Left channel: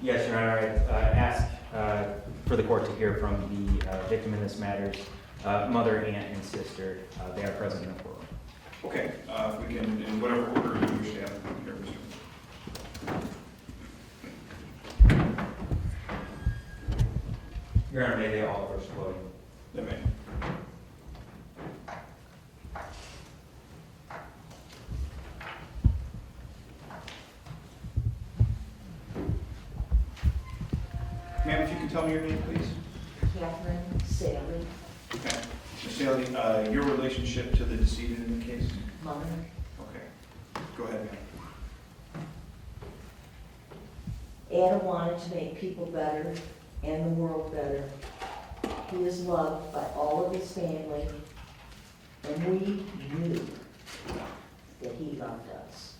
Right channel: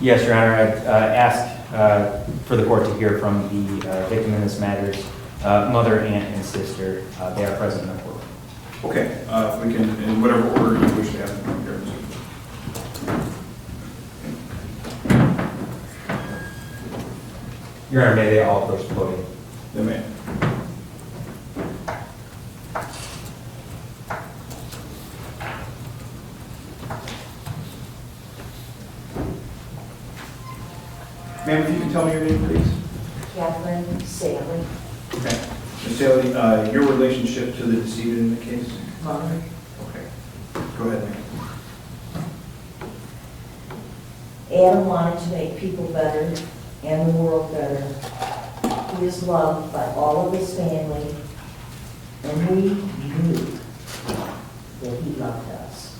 Yes, Your Honor. I'd ask for the court to hear from the victim in this matter's mother, aunt, and sister. They are present in the courtroom. Okay, if we can, in whatever order you wish to have them come here, Mr. Your Honor, may they all approach the podium? The man. Ma'am, if you can tell me your name, please. Catherine Sally, Okay. Ms. Sally, your relationship to the decedent in the case? mother. Okay. Go ahead, ma'am. Adam wanted to make people better and the world better. He is loved by all of his family, and we knew that he loved us.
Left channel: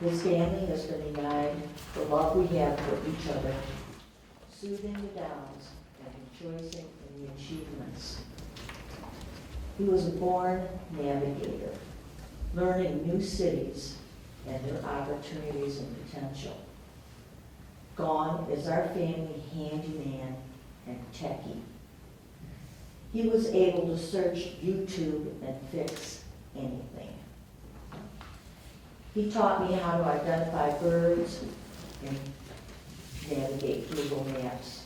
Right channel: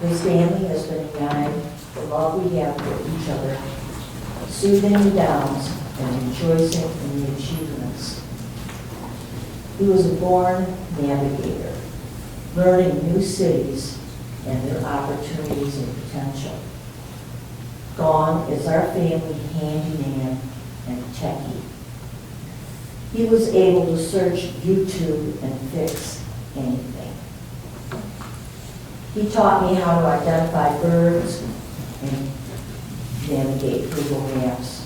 His family has been united, the love we have for each other, soothing the downs and rejoicing in the achievements. He was a born navigator, learning new cities and their opportunities and potential. Gone is our family handyman and techie. He was able to search YouTube and fix anything. He taught me how to identify birds and navigate Google Maps.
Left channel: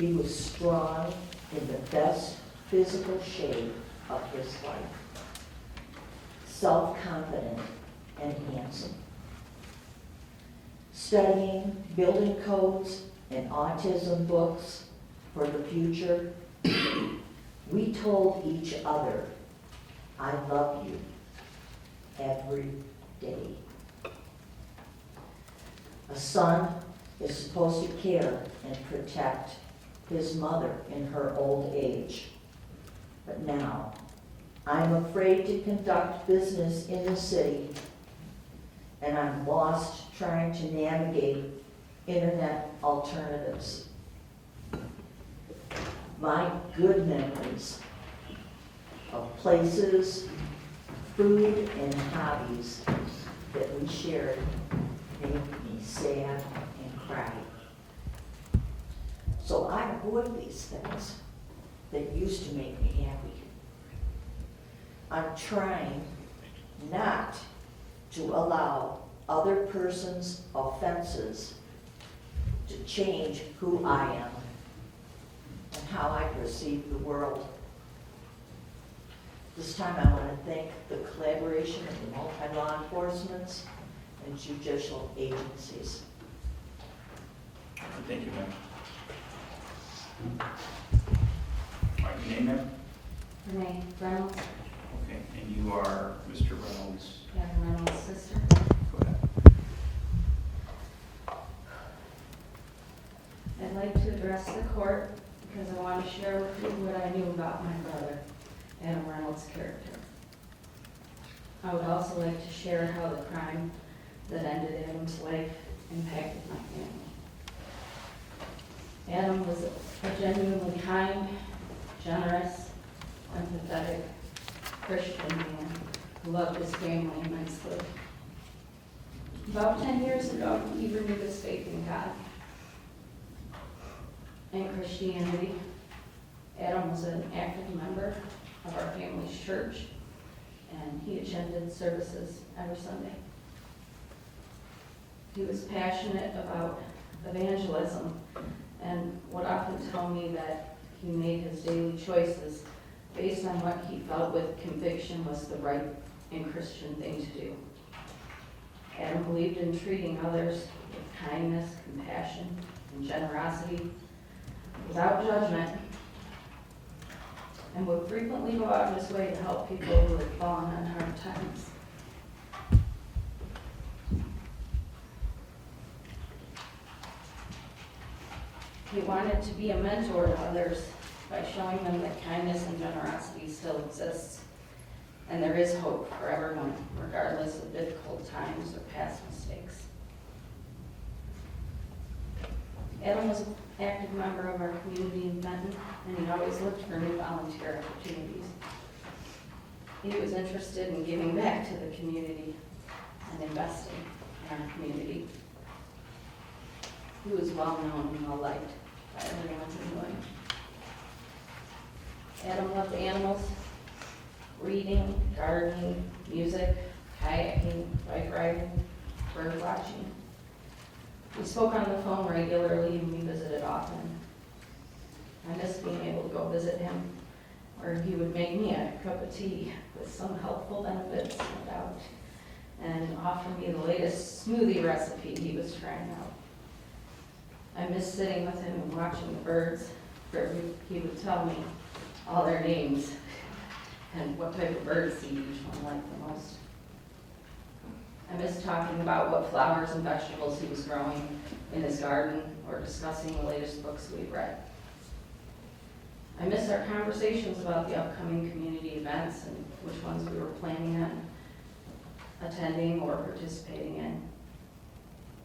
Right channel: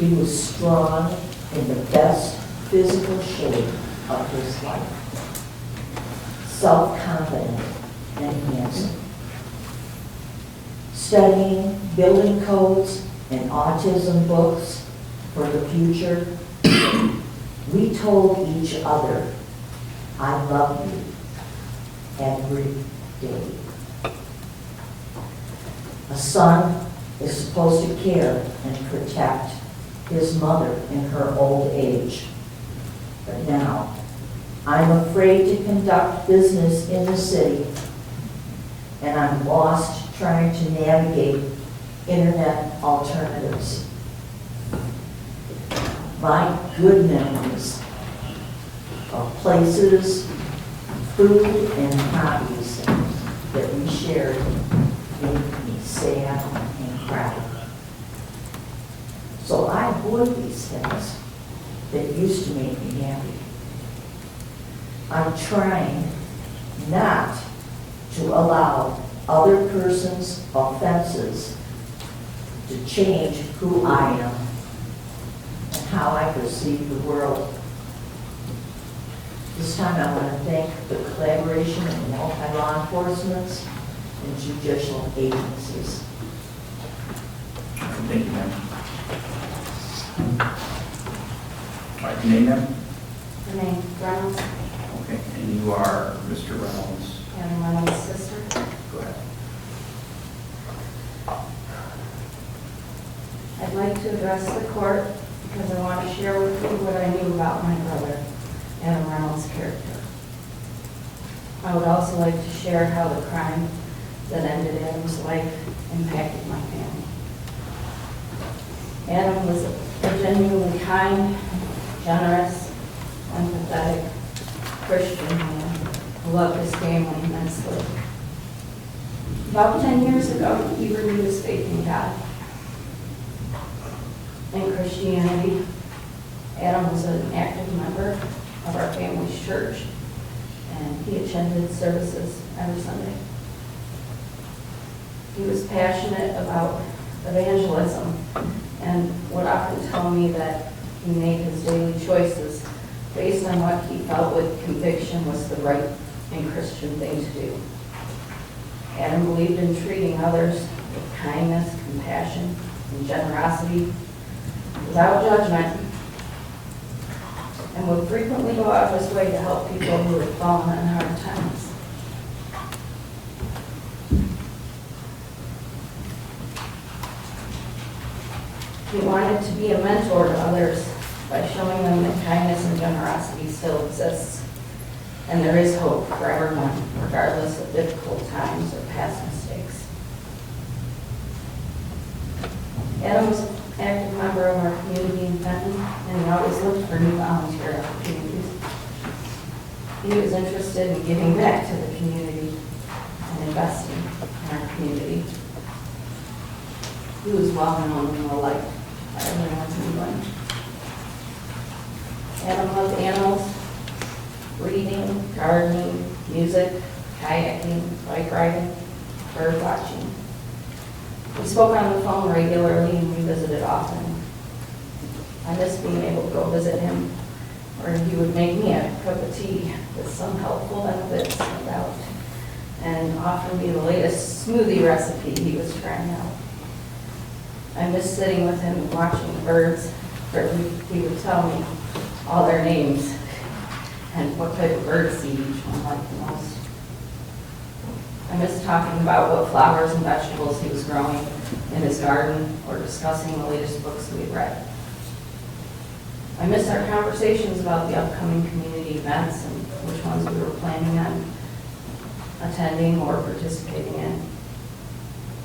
He was strong in the best physical shape of his life, self-confident and handsome. Studying building codes and autism books for the future, we told each other, "I love you," every day. A son is supposed to care and protect his mother in her old age. But now, I'm afraid to conduct business in the city, and I'm lost trying to navigate internet alternatives. My good memories of places, food, and hobbies that we shared make me sad and cry. So I avoid these things that used to make me happy. I'm trying not to allow other person's offenses to change who I am and how I perceive the world. This time I want to thank the collaboration of multi-law enforcement and judicial agencies. Thank you, ma'am. All right, your name, ma'am? Renee Reynolds, Okay, and you are Mr. Reynolds. Adam Reynolds' sister. Go ahead. I'd like to address the court because I want to share with you what I knew about my brother, Adam Reynolds' character. I would also like to share how the crime that ended Adam's life impacted my family. Adam was a genuinely kind, generous, empathetic Christian man who loved his family immensely. About 10 years ago, he renewed his faith in God and Christianity. Adam was an active member of our family's church, and he attended services every Sunday. He was passionate about evangelism and would often tell me that he made his daily choices based on what he felt with conviction was the right and Christian thing to do. Adam believed in treating others with kindness, compassion, and generosity without judgment, and would frequently go out of his way to help people who had fallen on hard times. He wanted to be a mentor to others by showing them that kindness and generosity still exists, and there is hope for everyone, regardless of difficult times or past mistakes. Adam was an active member of our community in Fenton, and he always looked for new volunteer opportunities. He was interested in giving back to the community and investing in our community. He was well known and well liked by everyone in England. Adam loved animals, reading, gardening, music, kayaking, bike riding, bird watching. We spoke on the phone regularly and we visited often. I missed being able to go visit him, or he would make me a cup of tea with some helpful benefits, no doubt, and offer me the latest smoothie recipe he was trying out. I missed sitting with him and watching the birds, where he would tell me all their names and what type of bird seed each one liked the most. I missed talking about what flowers and vegetables he was growing in his garden or discussing the latest books we had read. I missed our conversations about the upcoming community events and which ones we were planning on attending or participating in.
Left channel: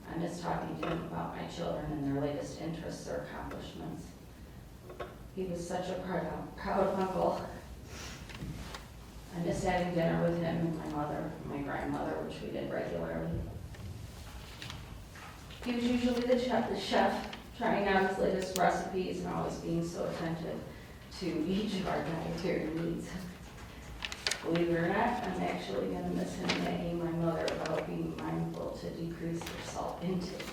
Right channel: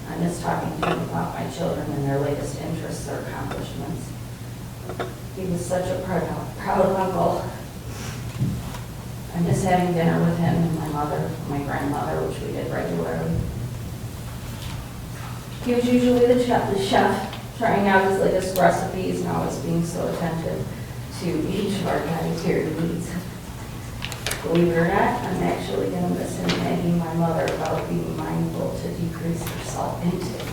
I miss talking to him about my children and their latest interests or accomplishments. He was such a proud uncle. I miss having dinner with him and my mother, my grandmother, which we did regularly. He was usually the chef, trying out his latest recipes and always being so attentive to each of our dietary needs. Believe it or not, I'm actually going to miss him nagging my mother about being mindful to decrease her salt intake.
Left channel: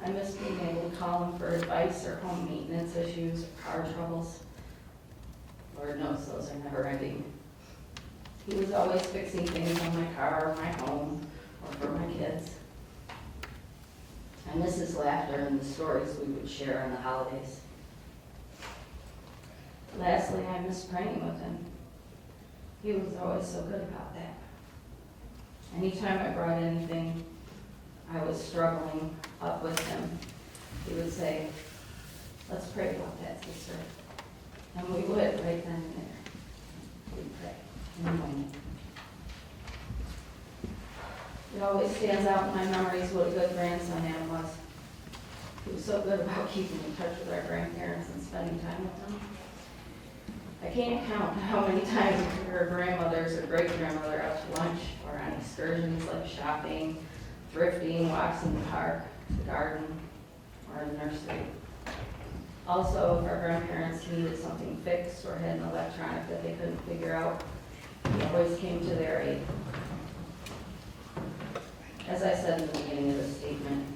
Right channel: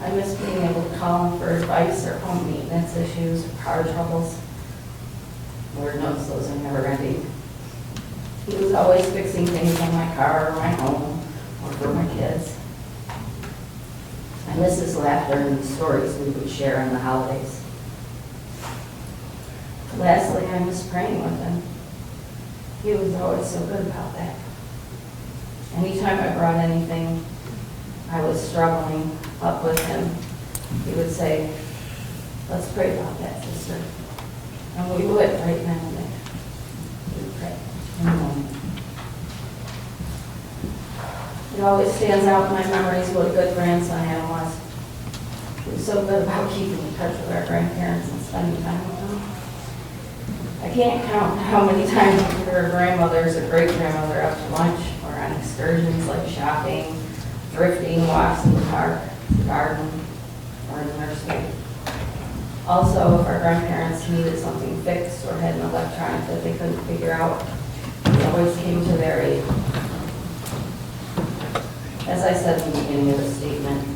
I miss being able to call him for advice or home maintenance issues or car troubles. Lord knows those are never ending. He was always fixing things on my car or my home or for my kids. I miss his laughter and the stories we would share on the holidays. Lastly, I miss praying with him. He was always so good about that. Anytime I brought anything I was struggling up with him, he would say, "Let's pray about that, sister." And we would right now and there. We'd pray in the moment. It always stands out in my memories what a good grandson Adam was. He was so good about keeping in touch with our grandparents and spending time with them. I can't count how many times we took our grandmothers or great-grandmother out to lunch or on excursions like shopping, thrifting, walks in the park, the garden, or in the nursery. Also, if our grandparents needed something fixed or had an electronic that they couldn't figure out, we always came to their aid. As I said in the beginning of the statement,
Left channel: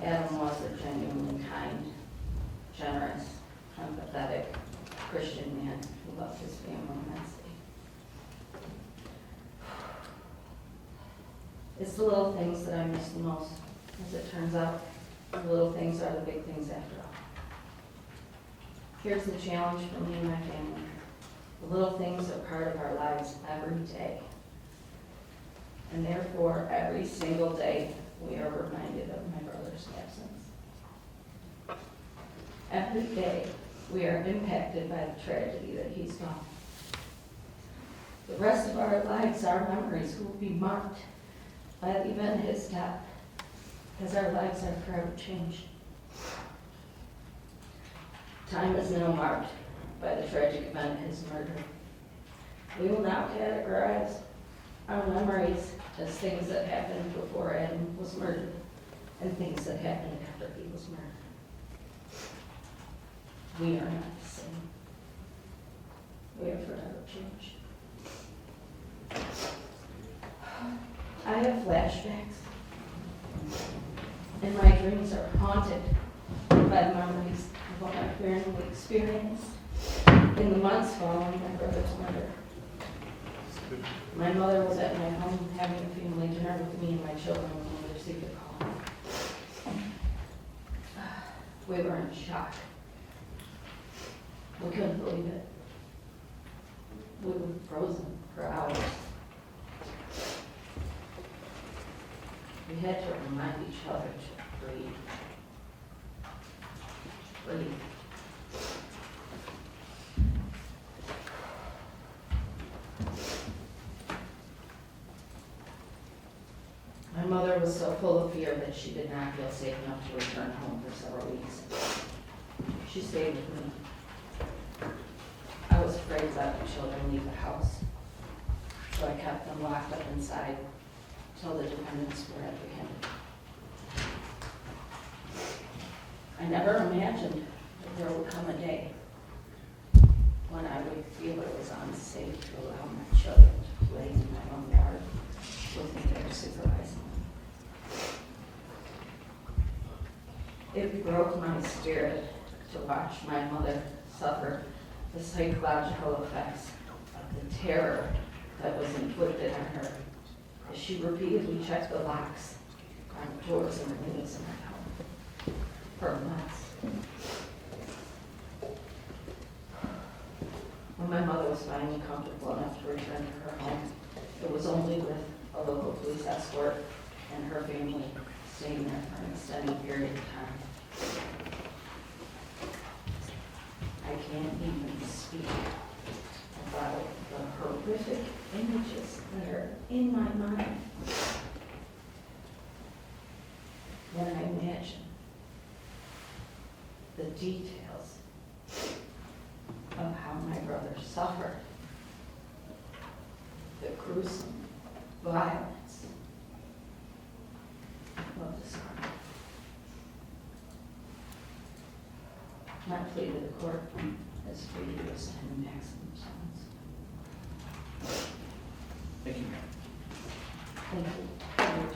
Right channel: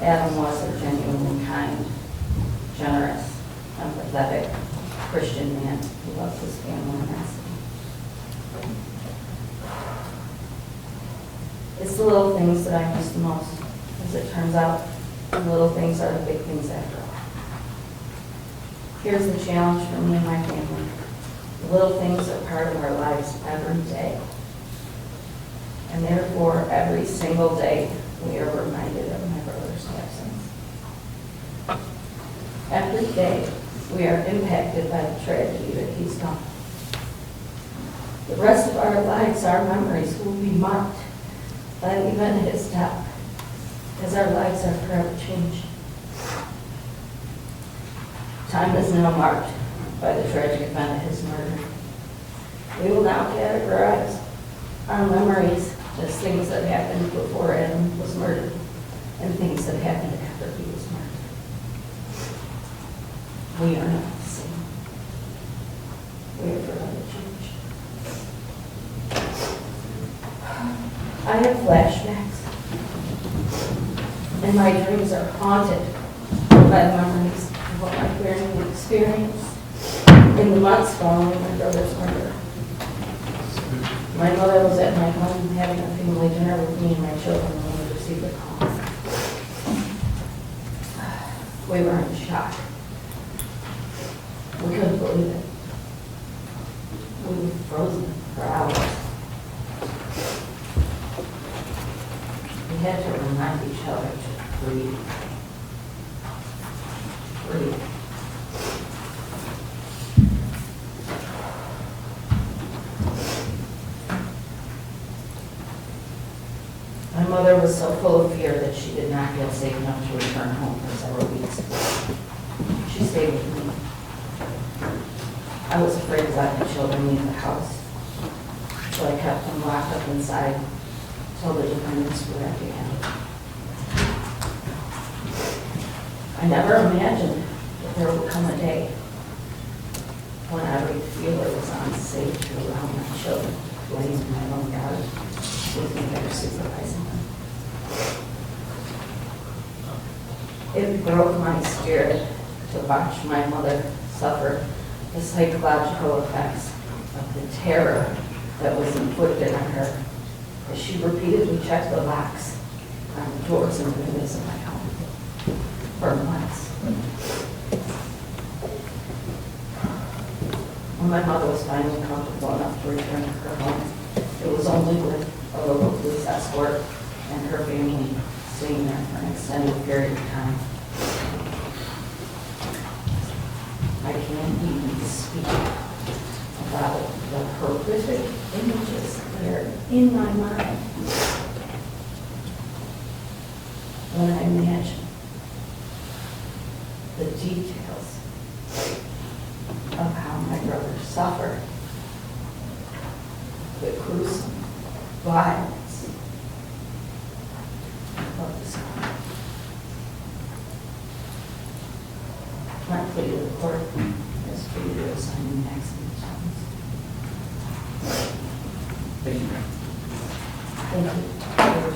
Adam was a genuinely kind, generous, empathetic Christian man who loved his family immensely. It's the little things that I miss the most. As it turns out, the little things are the big things after all. Here's the challenge for me and my family. The little things are part of our lives every day. And therefore, every single day, we are reminded of my brother's absence. Every day, we are impacted by the tragedy that he's gone. The rest of our lives, our memories will be marked by the event of his death, as our lives are forever changed. Time is now marked by the tragic event of his murder. We will now categorize our memories as things that happened before Adam was murdered and things that happened after he was murdered. We are not the same. We are forever changed. I have flashbacks, and my dreams are haunted by the memories of what my family experienced in the months following my brother's murder. My mother was at my home having a family dinner with me and my children when we received the call. We were in shock. We couldn't believe it. We were frozen for hours. We had to remind each other to breathe. Breathe. My mother was so full of fear that she did not feel safe enough to return home for several weeks. She stayed with me. I was afraid to let the children leave the house, so I kept them locked up inside till the defendants were apprehended. I never imagined that there would come a day when I would feel it was unsafe to allow my children to play in my own yard with me there supervising them. It broke my spirit to watch my mother suffer the psychological effects of the terror that was inflicted on her as she repeatedly checked the locks on the doors and windows of my home for months. When my mother was finally comfortable enough to return to her home, it was only with a local police escort and her family staying there for an extended period of time. I can't even speak about the horrific images that are in my mind when I imagine the details of how my brother suffered the gruesome violence of this crime. My plea to the court is for you to assign the maximum sentence. Thank you. Thank you.